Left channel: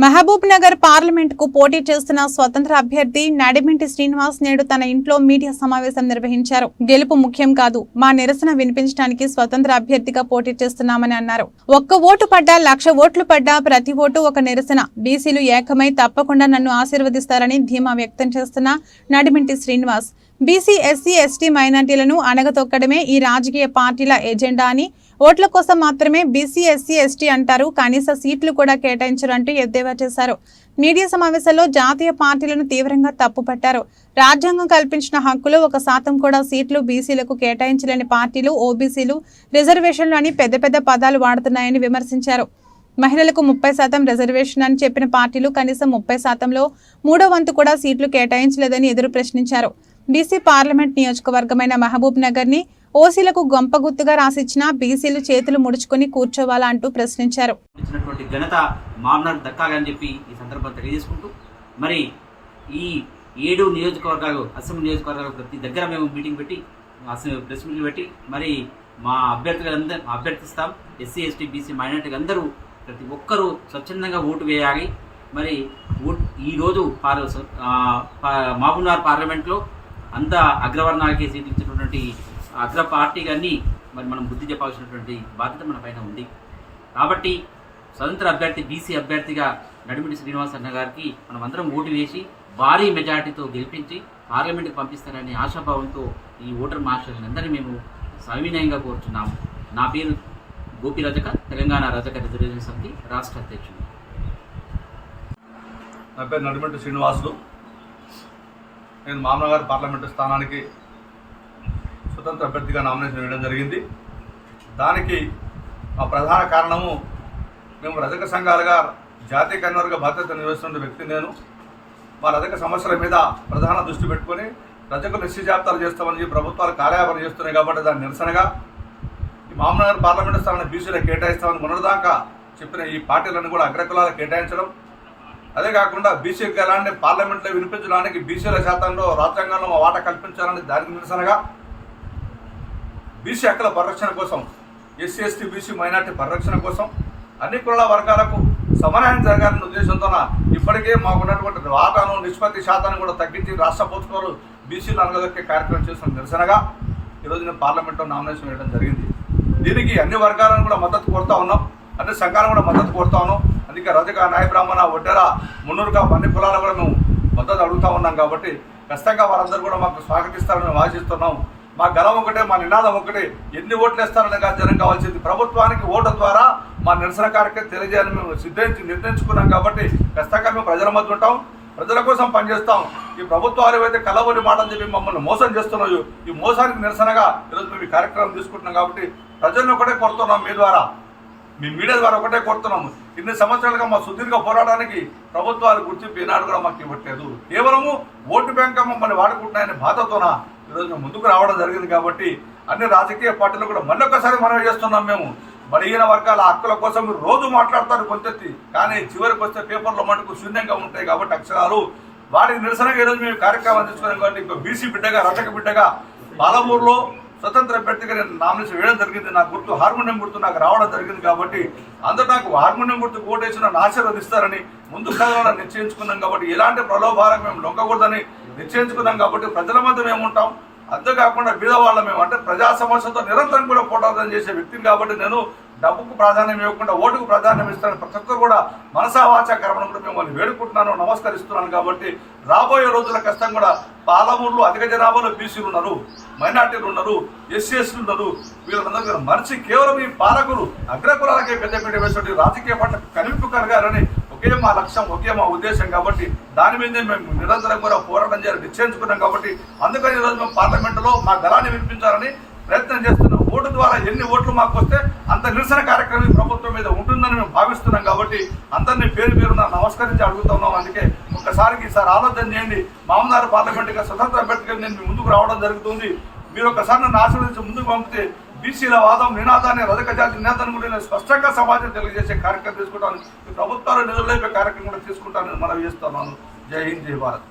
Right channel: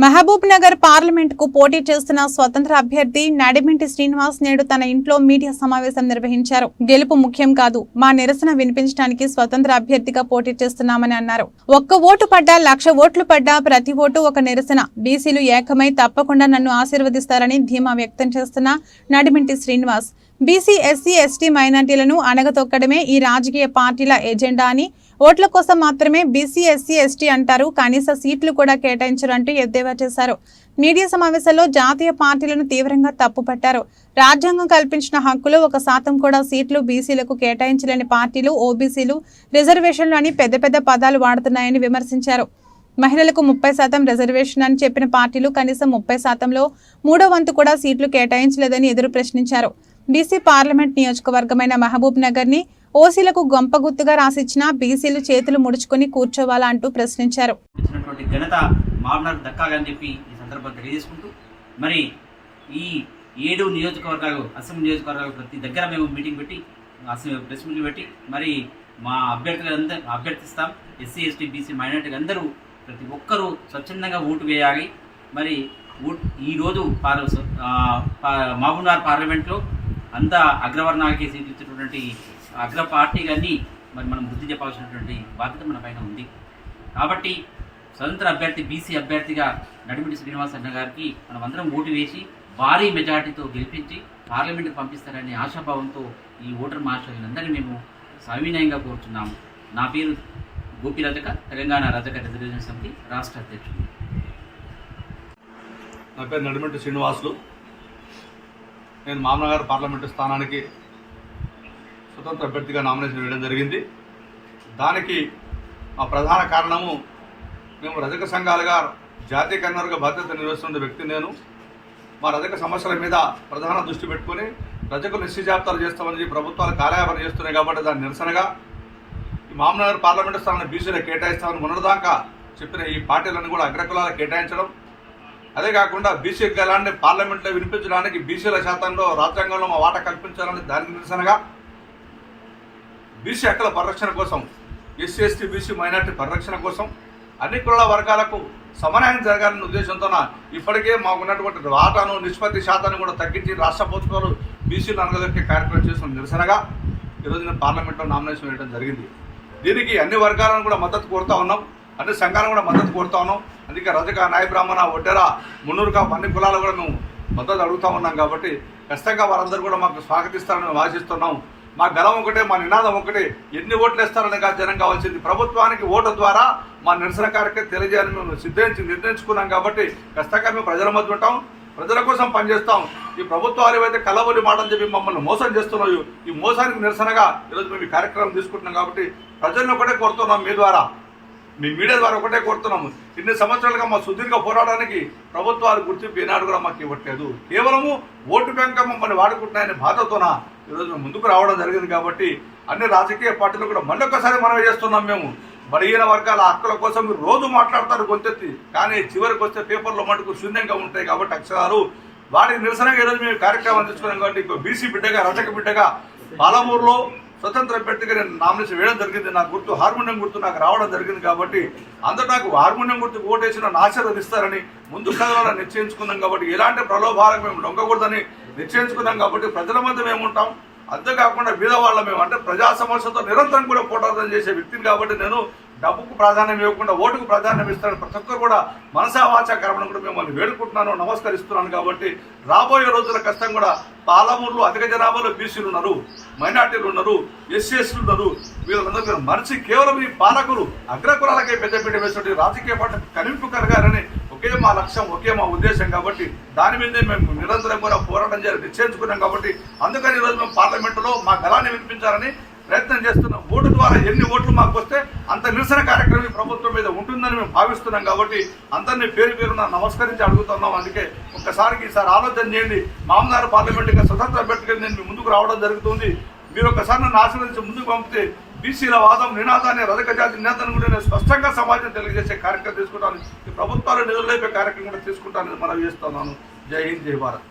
Mahabub Nagar parliament కు పోటీ చేస్తున్న స్వతంత్ర అభ్యర్థి నడిమింటి శ్రీనివాస్ నేడు తన ఇంట్లో మీడియా సమావేశం నిర్వహించారు. గెలుపు ముఖ్యం కాదు, మా నిరసన వినిపించడానికి స్వతంత్ర అభ్యర్థిగా పోటీ చేస్తున్నామని అన్నారు. ఒక్క ఓటు పడ్డా 1,00,000 ఓట్లు పడ్డా ప్రతి ఓటు ఒక నిరసన. బీసీలు ఏకమై తప్పకుండా నన్ను ఆశీర్వదిస్తారని ధీమా వ్యక్తం చేస్తున్న Nadiminti Srinivas BC, SC, ST మైనార్టీలను అణగతొక్కడమే ఈ రాజకీయ పార్టీల ఎజెండా అని, ఓట్ల కోసం మాత్రమే బీసీ, ఎస్సీ, ఎస్టీ అంటారు, కనీస సీట్లు కూడా కేటాయించరంటూ ఎద్దేవా చేశారు. మీడియా సమావేశంలో జాతీయ పార్టీలను తీవ్రంగా తప్పుపట్టారు. రాజ్యాంగం కల్పించిన హక్కులు 1% కూడా సీట్లు బీసీలకు కేటాయించలేని పార్టీలు ఓబీసీలు, రిజర్వేషన్లు అని పెద్ద పెద్ద పదాలు వాడుతున్నాయని విమర్శించారు. మహిళలకు 30% రిజర్వేషన్ అని చెప్పిన పార్టీలు కనీసం 30%లో 3వ వంతు కూడా సీట్లు కేటాయించలేదని ఎదురు ప్రశ్నించారు. బీసీ పార్లమెంట్ నియోజకవర్గమైన మహబూబ్ నగర్ ని ఓసీలకు గొంపగుత్తుగా రాసిచ్చిన బీసీలు చేతులు ముడుచుకుని కూర్చోవాలా అంటూ ప్రశ్నించారు. ఘనత మామూలు దక్కాలని చెప్పి ఈ సందర్భంగా తెలియజేసుకుంటూ, మరి ఈ 7 నియోజకవర్గాలు అసెంబ్లీ నియోజకవర్గాలు ప్రతి దగ్గర మేము మీటింగ్ పెట్టి ప్రెస్ మీట్లు పెట్టి మరి మా అభ్యర్థిస్తాం. ఎస్సీ, ఎస్టీ, బీసీ, మైనార్టీలు అందరూ ప్రతి ఒక్కరూ స్వచ్ఛందంగా ఓటు వేయాలి. మరి ఈరోజు మహబూబ్నగర్ పార్లమెంట్లో అంతా అగ్రవర్ణాలకి సీట్లు ఇచ్చినటువంటి అగ్ర పార్టీలన్నీ మరి మనం బుద్ధి చెప్పాల్సినటువంటి బాధ్యత మన పైన ఉంది. కాబట్టి స్వతంత్ర అభ్యర్థి బీసీ అభ్యర్థిగా నడిమిటి శ్రీనివాస్ అన్న గారికి మనం అందరం ఓటు వేసి భారీ మెజార్టీతో గెలిపించి పార్లమెంట్కి పంపిస్తారనే ఆశాభావంతో ఈ ఓటర్ మహాశయులందరినీ మేము సవినయంగా కోరుతున్నాము. నా పేరు గోపి రజక, తెలంగాణ రజక రిజర్వేషన్ సమితి రాష్ట్ర అధ్యక్షుడు. నా పేరు నడిమిటి శ్రీనివాసులు. నేను మామనగర్ పార్లమెంటు స్థానానికి స్వతంత్ర అభ్యర్థిగా నామినేషన్ వేయడం జరిగింది. దానికి మా ప్రధాన కారణము, మేము రజక సంఘాలుగా జాతీయ కన్వీనర్గా బాధ్యత నిర్వహిస్తున్న వ్యక్తి నేను. మా రజక సమస్యల మీద ప్రధాన దృష్టి పెట్టుకొని రజకులు నిశ్చయ జాబితాలు చేస్తామని ప్రభుత్వాలు కార్యాపన చేస్తున్నాయి. కాబట్టి దాని నిరసనగా ఈ మామనగర్ పార్లమెంటు స్థానాన్ని బీసీలకు కేటాయిస్తామని మొన్నటిదాకా చెప్పిన ఈ పార్టీలను కూడా అగ్రకులాలకు కేటాయించడం, అదే కాకుండా బీసీ గలాన్ని పార్లమెంట్లో వినిపించడానికి బీసీల శాతంలో రాజ్యాంగంలో మా వాటా కల్పించాలని దానికి నిరసనగా బీసీ హక్కుల పరిరక్షణ కోసం, ఎస్సీ, ఎస్టీ, బీసీ, మైనార్టీ పరిరక్షణ కోసం అన్ని కులాల వర్గాలకు సమన్యాయం జరగాలనే ఉద్దేశంతో ఇప్పటికే మాకున్నటువంటి వాటాను నిష్పత్తి శాతాన్ని కూడా తగ్గించి రాష్ట్ర ప్రభుత్వాలు బీసీలు అనగదొక్కే కార్యక్రమం చేసిన నిరసనగా ఈరోజు నేను పార్లమెంట్లో నామినేషన్ వేయడం జరిగింది. దీనికి అన్ని వర్గాలను కూడా మద్దతు కోరుతా ఉన్నాం, అన్ని సంఘాలను కూడా మద్దతు కోరుతా ఉన్నాం. అందుకే రజక, నాయ బ్రాహ్మణ, ఒడ్డెర, మున్నూరుగా అన్ని కులాలు కూడా మేము మద్దతు అడుగుతూ ఉన్నాం. కాబట్టి ఖచ్చితంగా వారందరూ కూడా మాకు స్వాగతిస్తారని మేము ఆశిస్తున్నాం. మా గలం ఒకటే, మా నినాదం ఒకటే, ఎన్ని ఓట్లు వేస్తారని కాదు జనం కావాల్సింది, ప్రభుత్వానికి ఓటు ద్వారా మా నిరసన కార్యక్రమం తెలియజేయాలని మేము నిర్ణయించుకున్నాం. కాబట్టి ఖచ్చితంగా మేము ప్రజల మధ్య ఉంటాం, ప్రజల కోసం పనిచేస్తాం. ఈ ప్రభుత్వాలు ఏవైతే కలబొలి మాటలు చెప్పి మమ్మల్ని మోసం చేస్తున్నాయో ఈ మోసానికి నిరసనగా ఈరోజు మేము ఈ కార్యక్రమం తీసుకుంటున్నాం. కాబట్టి ప్రజలను ఒకటే కోరుతున్నాం, మీ మీడియా ద్వారా ఒకటే కోరుతున్నాము. ఇన్ని సంవత్సరాలుగా మా సుదీర్ఘ పోరాటానికి ప్రభుత్వాలు గుర్తింపు ఈనాడు కూడా మాకు ఇవ్వట్లేదు. కేవలము ఓటు బ్యాంక్ మమ్మల్ని వాడుకుంటున్నాయని బాధతోన ఈరోజు మేము ముందుకు రావడం జరిగింది. కాబట్టి అన్ని రాజకీయ పార్టీలు కూడా మళ్ళొక్కసారి మనవి చేస్తున్నాం. మేము బలహీన వర్గాల హక్కుల కోసం మీరు రోజు మాట్లాడతారు గొంతెత్తి, కానీ చివరికి వస్తే పేపర్లో మటుకు శూన్యంగా ఉంటాయి. కాబట్టి అక్షరాలు వాటికి నిరసనగా ఈరోజు మేము కార్యక్రమం తీసుకున్నాం. కాబట్టి ఇంకో బీసీ బిడ్డగా, రజక బిడ్డగా పాలమూరులో స్వతంత్ర అభ్యర్థిగా నేను నామినేషన్ వేయడం జరిగింది. నా గుర్తు హార్మోనియం గుర్తు నాకు రావడం జరిగింది. కాబట్టి అందరూ నాకు హార్మోనియం గుర్తు ఓటేసి నన్ను ఆశీర్వదిస్తారని ముందు కదలని నిశ్చయించుకున్నాం. కాబట్టి ఎలాంటి ప్రలోభాలకు మేము లొంగకూడదని నిశ్చయించుకున్నాం. కాబట్టి ప్రజల మధ్య మేము ఉంటాం. అంతేకాకుండా బీదవాళ్ళ మేము అంటే ప్రజా సమస్యలతో నిరంతరం కూడా పోరాటం చేసే వ్యక్తిని. కాబట్టి నేను డబ్బుకు ప్రాధాన్యం ఇవ్వకుండా ఓటుకు ప్రాధాన్యం ఇస్తాను. ప్రతి ఒక్కరు కూడా మనసా వాచా కర్మను కూడా మిమ్మల్ని వేడుకుంటున్నాను, నమస్కరిస్తున్నాను. కాబట్టి రాబోయే రోజుల కష్టం కూడా పాలమూరులో అధిక జనాభాలో బీసీలు ఉన్నారు, మైనార్టీలు ఉన్నారు, ఎస్సీలు ఉన్నారు. వీళ్ళందరూ మనిషి కేవలం ఈ పాలకులు అగ్రకులాలకే పెద్దపీట వేసినట్టు రాజకీయ పార్టీ కనిపింపు కలగాలని ఒకే మా లక్ష్యం, ఒకే మా ఉద్దేశం. కాబట్టి దాని మీదే మేము నిరంతరం కూడా పోరాటం చేయాలని నిశ్చయించుకున్నాం. కాబట్టి అందుకని ఈరోజు మేము పార్లమెంటులో మా గలాన్ని వినిపించాలని ప్రయత్నం చేస్తున్నాం. ఓటు ద్వారా ఎన్ని ఓట్లు మాకు వస్తే అంత నిరసన కార్యక్రమం ఈ ప్రభుత్వం మీద ఉంటుందని మేము భావిస్తున్నాం. కాబట్టి అందరినీ పేరున నమస్కరించి అడుగుతున్నాం. అందుకే ఒక్కసారికి ఈసారి ఆలోచన చేయండి. మామనగర్ పార్లమెంటుగా స్వతంత్ర అభ్యర్థిగా నేను ముందుకు రావడం జరుగుతుంది. మీరు ఒక్కసారి నన్ను ఆశీర్వదించి ముందుకు పంపితే బీసీల వాదం నినాదాన్ని, రజక జాతి నినాదాన్ని కూడా నేను స్పష్టంగా సమాజం తెలియజేసే కార్యక్రమం తీసుకుంటాను. ఈ ప్రభుత్వాలు నిధులైపోయే కార్యక్రమం కూడా తీసుకుంటానని మనవి చేస్తున్నాను. జై హింద్, జై భారత్.